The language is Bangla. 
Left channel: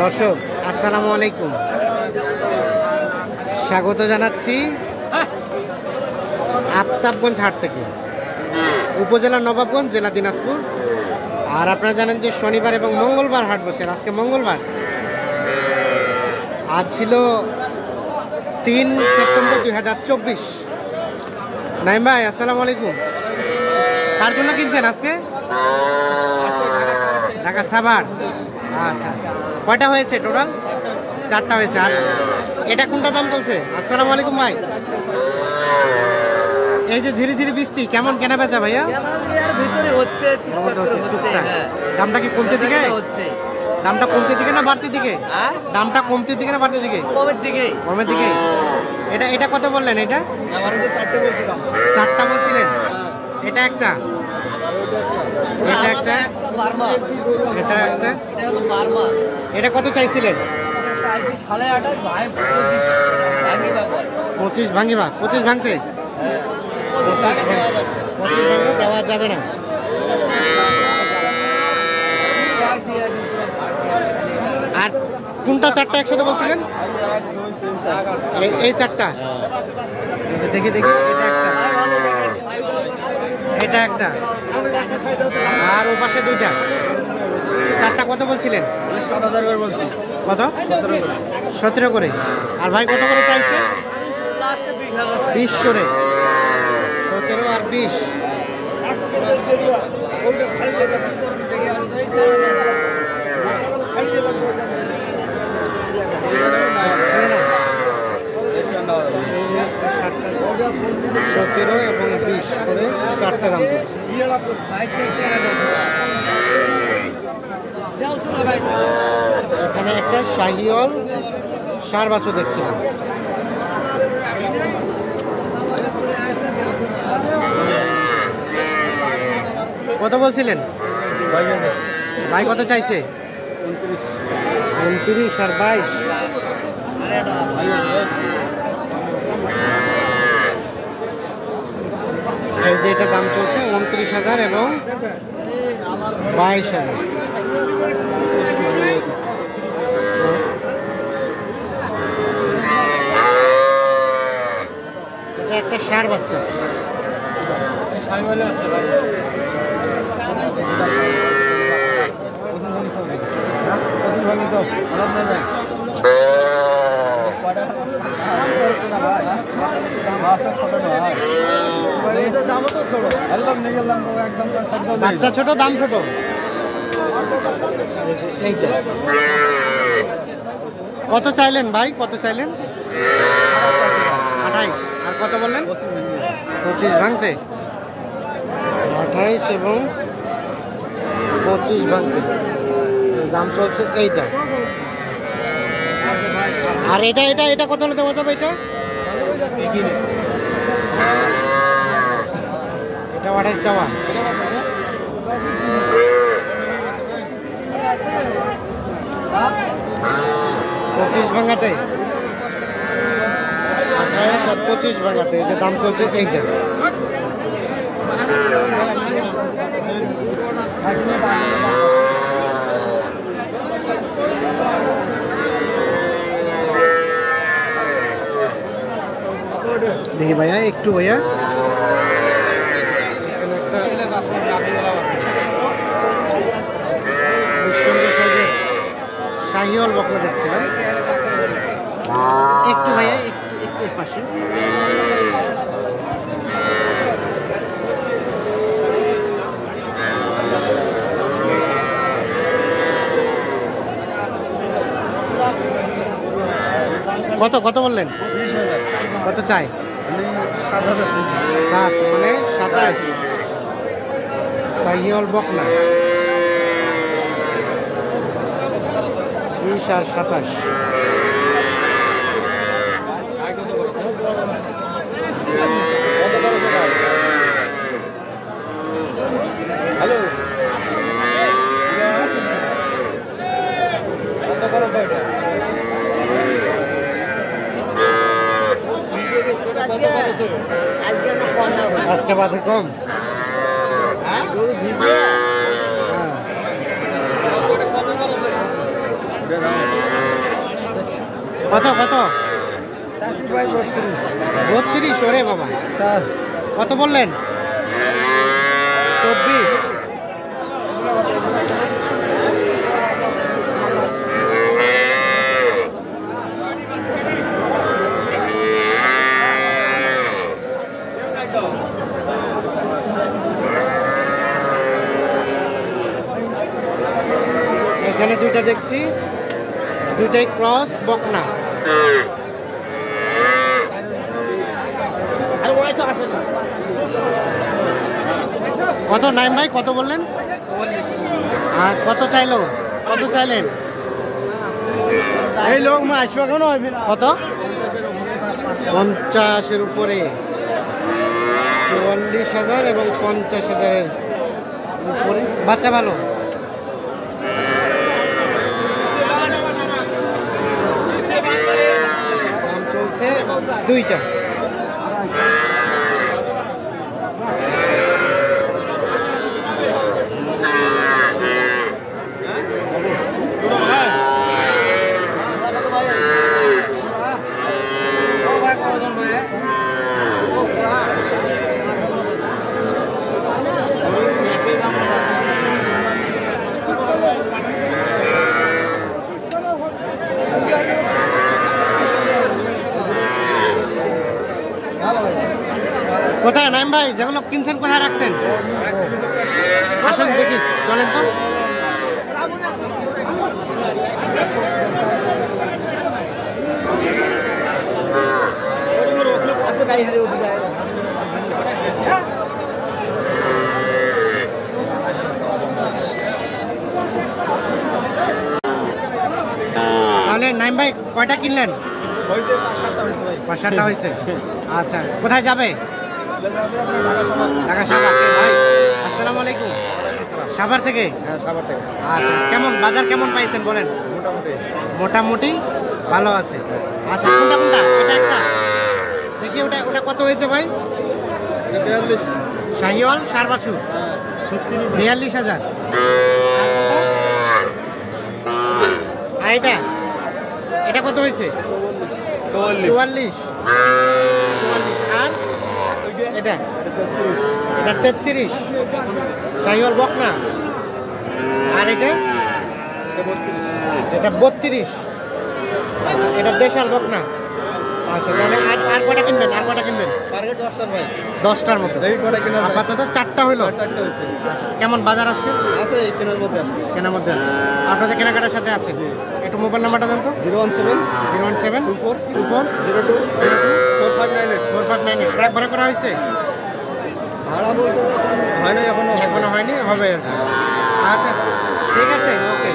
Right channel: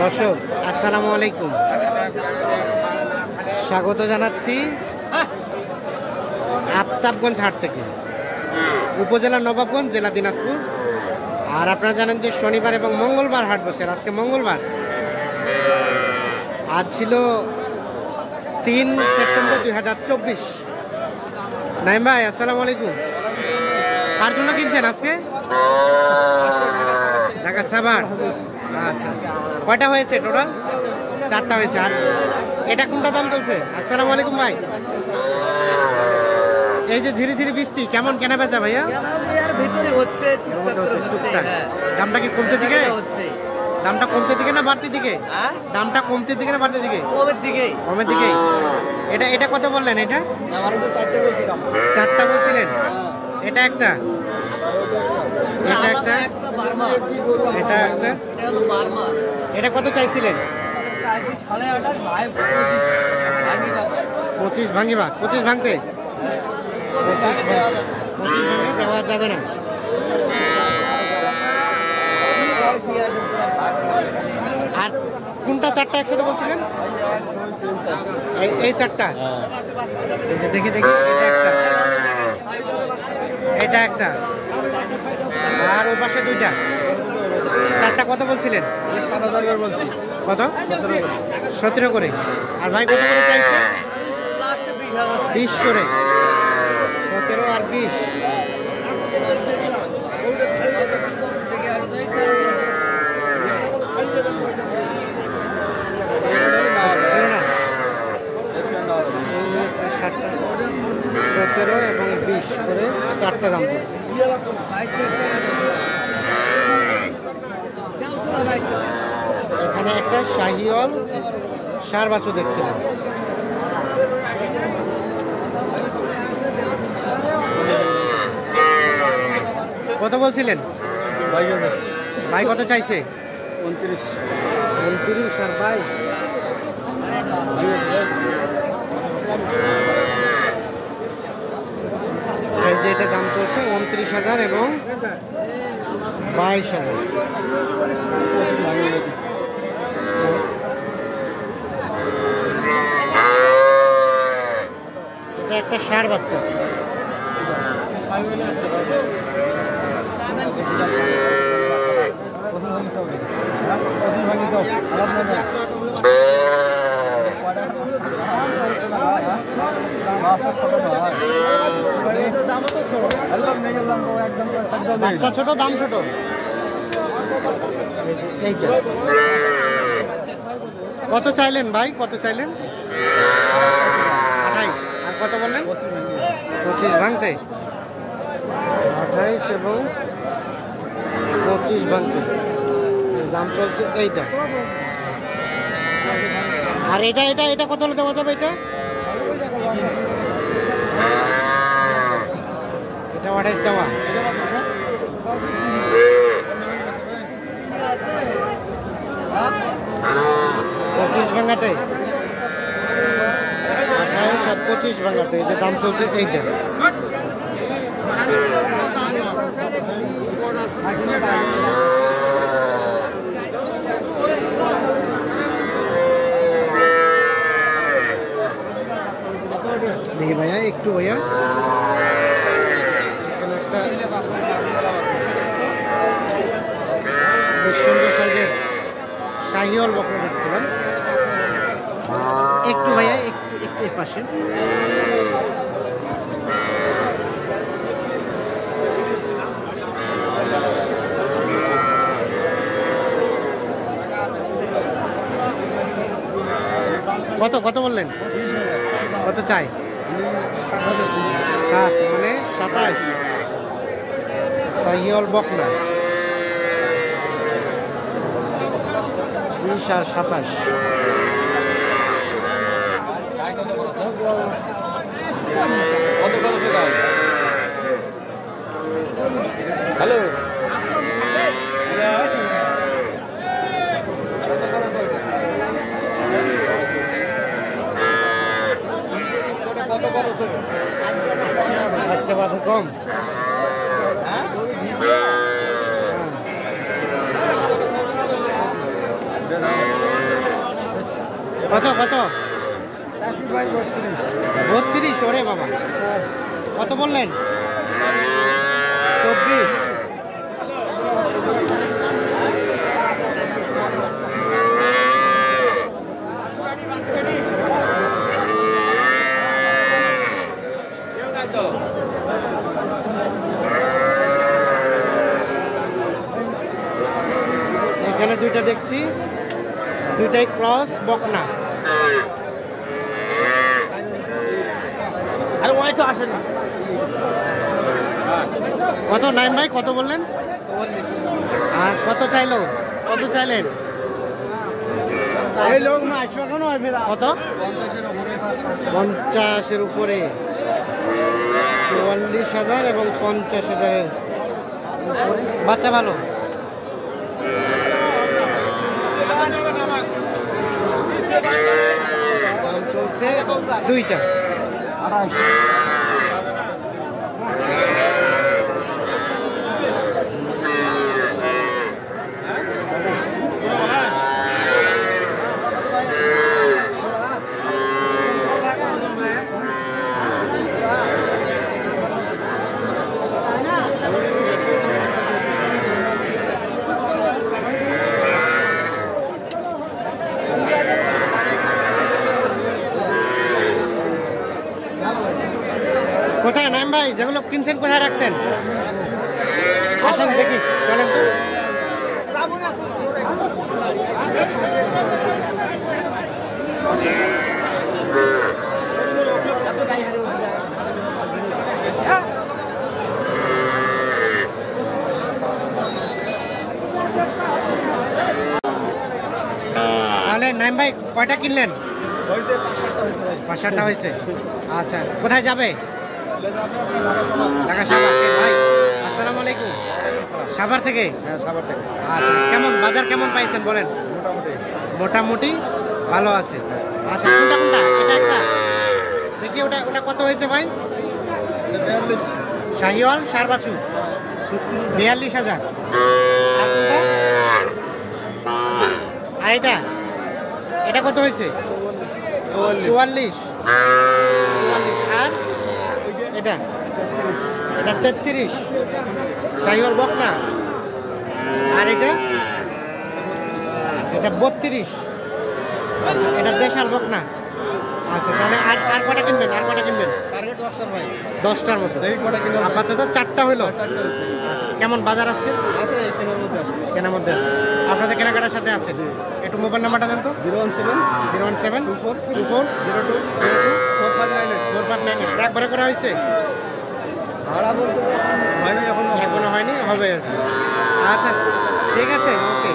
দর্শক আসসালামু আলাইকুম, স্বাগত জানাচ্ছি আফতাবগঞ্জ হাট থেকে, উপজেলা নবাবগঞ্জ, জেলা দিনাজপুর। আর আপনারা জানেন যে শনিবার এবং মঙ্গলবার হাট বসে। আজকে মঙ্গলবার, আজ ছিল 3 সেপ্টেম্বর 2024। নাইম ভাই আসসালামু আলাইকুম, কার জন্য কিনছেন আজকে? ঢাকা সাভার। আচ্ছা, কয়টা হয়েছে টোটাল? 4টা হয়েছে। আর এটা কোনটা দাম চলছে? আসসালামু আলাইকুম ভাই। এই যে ঝিরি ঝিরি বৃষ্টি, কেমন কেনা বেচা ভাইয়া? দামটা কি কমতে দিকে? দামটা কমতে দিকে না বাড়তি দিকে? দামটা কমতে দিকে না বাড়তি দিকে? কমের দিকে। এটা কত বললেন? এটা 4টা বলছিলেন। এটা একটা, এটা একটা, এটা একটা। এটা কত চাইছিলেন? 25 ভাঙিবা। 25 ভাঙতে 25 ভাঙে দেওয়া যাবে না। আর কোনটা 4টা একসাথে বলছিলেন? এই 4টা। দেখি দেখি, এটা একটা, এটা একটা, আর ও পাশে 2টা। 4টা কত বলছিলেন? 7,000 করে বলছি। কত? 17 করে। আর ভাই কত করে চাইছে? 20 করে। 17 আর 20। না 17 এবং 20 করে 4টা দাম পড়ছে। এখানে একটা শাহিওয়াল ষাঁড় বাছুর দেখছিলাম। কত বলছিলেন ভাই? কত চাইছে? 29 আর 22। এই যে এটা দাম চলছে 29,000 এবং 22,000। এটা একটা ষাঁড় বাচ্চা। বাচ্চা ছোট, দাম ছোট। এইটা কত চাইলেন ভাই? কত চাইলেন? 28। আর কত বললেন? 25 ভাঙতে। 28 এবং 25 ভাঙতে দাম চলছে এইটা। আর এটা এটা এটা কত হলে দেওয়া যাবে? এটা 28 চাওয়া। 25 ভাঙাতে, 28 আর 25 ভাঙাতে এই যে দাম চলছে এইটা। দেখি ভাইয়া, একটু ভাইয়া, এখানে একটা বেশ সুন্দর সাইজের শাহিওয়াল বকনা দেখছিলাম। একটু ভাইয়া, একটু একটু এর পাশে। কত কত বললেন? কত চাই? 7 মানে 27। শাহিওয়াল বকনা 20 আর 27। আজকে বাজে কম। কত কত? 32। ওরে বাবা, কত বললেন? 24। এখানে দুইটা দেখছি, দুইটাই ক্রস বকনা। কত নাইম ভাই, কত বললেন? 44। আর কত চাইলো, কত চাইলেন? কত? 50-এর উপরে। 44,000 এবং 50,000-এর উপরে। বাচ্চা ভালো। দাম চলছে দুইটা। কোথায় নাইম ভাই, যেগুলো কিনছেন কোথায় রাখছেন? আসেন দেখি, চলেন তো। তাহলে নাইম ভাই কয়টা কিনলেন? 5-7টা হয়েছে। আচ্ছা, কোথায় যাবে? ঢাকা সাভার। ভাই আসসালামু আলাইকুম। সাভার থেকে? হ্যাঁ, সাভার থেকে। আচ্ছা, কেমন বাজার কেমন পাইছেন বলেন? মোটামুটি মোটামুটি ভালো আছে। আচ্ছা, কোনটা কোনটা? এটা একটা দেখি, ওটা ওটা কত হয়েছে ভাই? 42। শাহিওয়াল সার বাছুর 42,000। আর কোনটা? আর এটা এটা কত হয়েছে? 44। আর এটা এটা 33 শাহিওয়াল বকনা। আর এটা এটা 32। আচ্ছা, এটা দেশাল বকনা। আচ্ছা, তাহলে আর আর কটা কিনবেন? আর কটা কিনবেন? টার্গেট 10টার ভাই। 10টার মতো। দেখি কটা কিনা যায়। আপাতত 4টা হইলো। 4টা হয়েছে। আচ্ছা, কেমন বাজার আজকে? আছে এই কেনার মধ্যে আছে। কেনার মধ্যে আছে। আপনাদের কেনাকাটার সাথে আছে। একটু মোবাইল নাম্বারটা দেন তো। 017 017 24 24 02 02 4598। 4598। ট্রাক ভাড়া করা হয়েছে? ভাড়া বলতে হয় না এখনো। এখনো হয়নি, হবে আর কি। আচ্ছা, ঠিক আছে, ওকে।